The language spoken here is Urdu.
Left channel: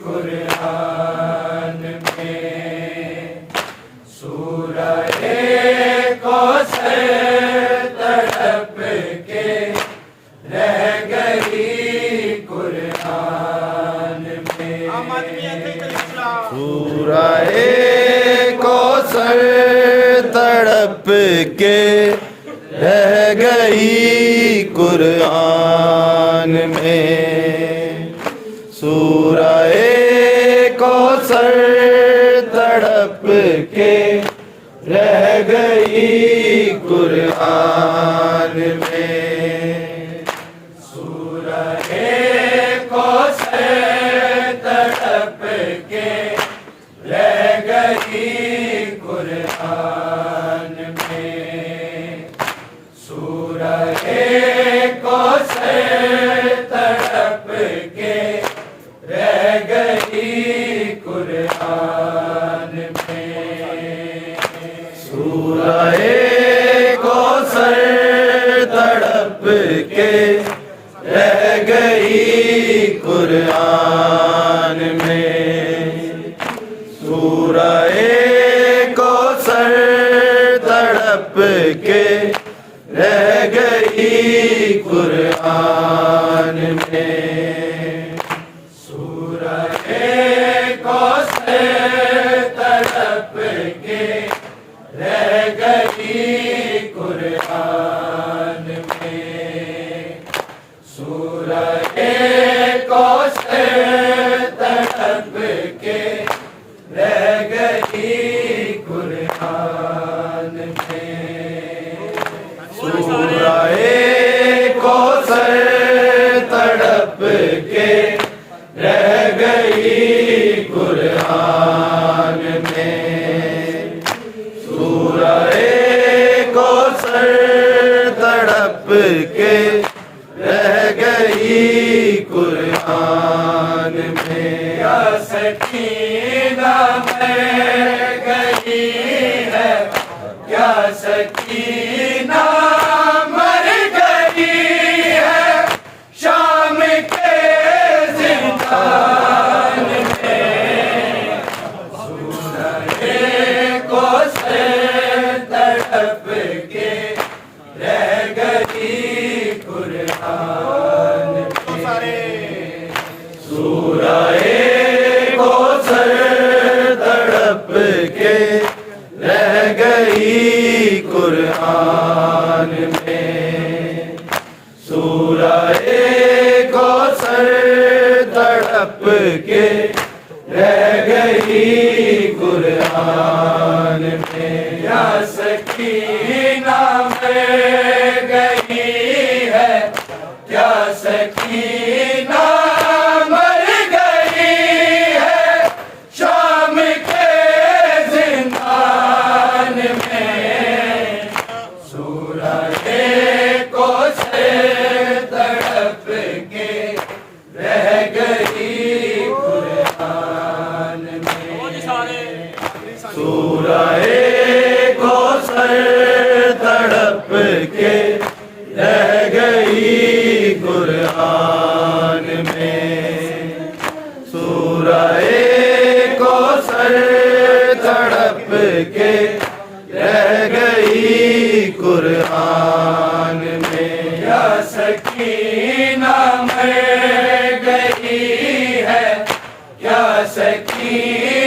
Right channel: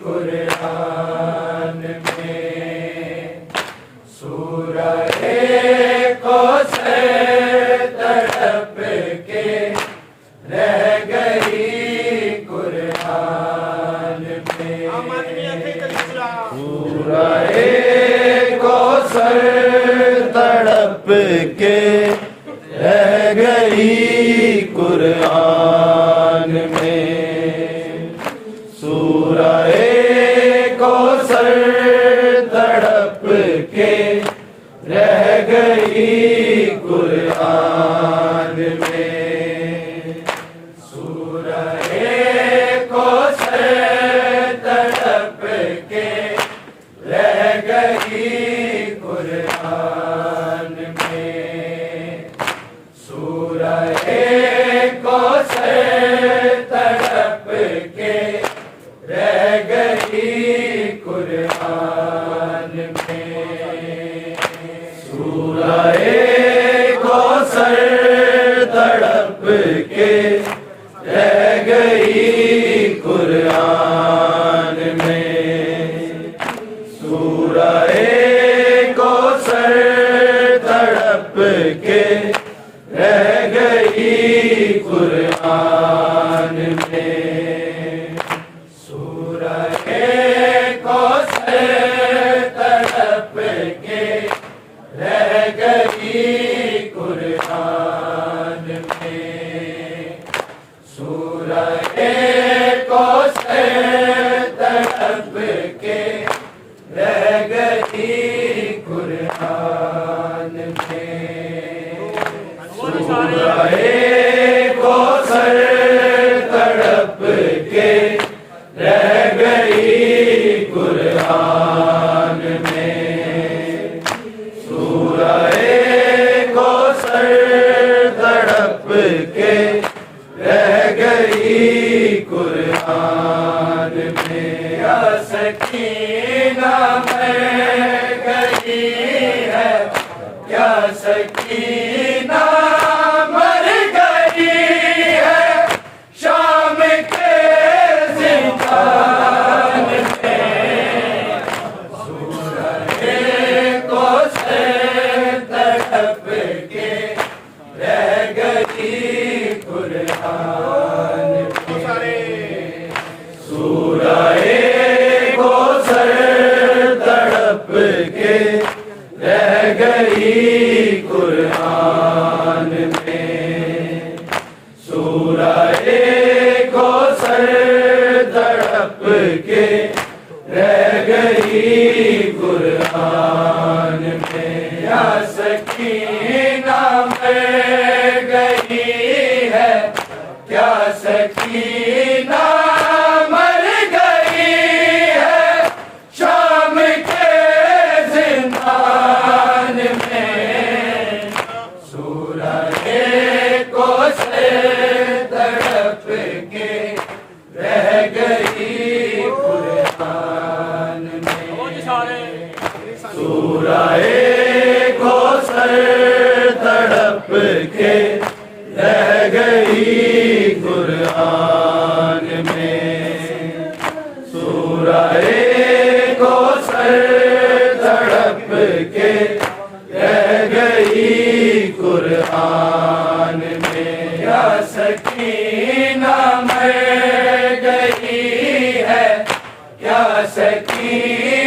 قرآن میں سورہ کوثر تڑپ کے رہ گئی قرآن میں سورہ کوثر تڑپ کے رہ گئی قرآن میں سورہ کوثر تڑپ کے رہ گئی قرآن میں سورہ کوثر تڑپ کے رہ گئی قرآن میں سورہ کوثر تڑپ کے رہ گئی قرآن میں سورہ کوثر تڑپ کے رہ گئی قرآن میں سورہ کوثر تڑپ کے رہ گئی قرآن میں سورہ کوثر تڑپ کے رہ گئی قرآن میں سورہ کوثر تڑپ کے رہ گئی قرآن میں سورہ کوثر تڑپ کے رہ گئی قرآن میں سورہ کوثر تڑپ کے رہ گئی قرآن میں یا سکینہ مر گئی ہے کیا سکینہ مر گئی ہے شام کے زندان میں سورہ کوثر تڑپ کے رہ گئی قرآن میں سورہ کوثر تڑپ کے رہ گئی قرآن میں سورہ کوثر تڑپ کے رہ گئی قرآن میں یا سکینہ مر گئی ہے کیا سکینہ مر گئی ہے شام کے زندان میں سورہ کوثر تڑپ کے رہ گئی قرآن میں سورہ کوثر تڑپ کے رہ گئی قرآن میں سورہ کوثر تڑپ کے رہ گئی قرآن میں یا سکینہ مر گئی ہے کیا سکینہ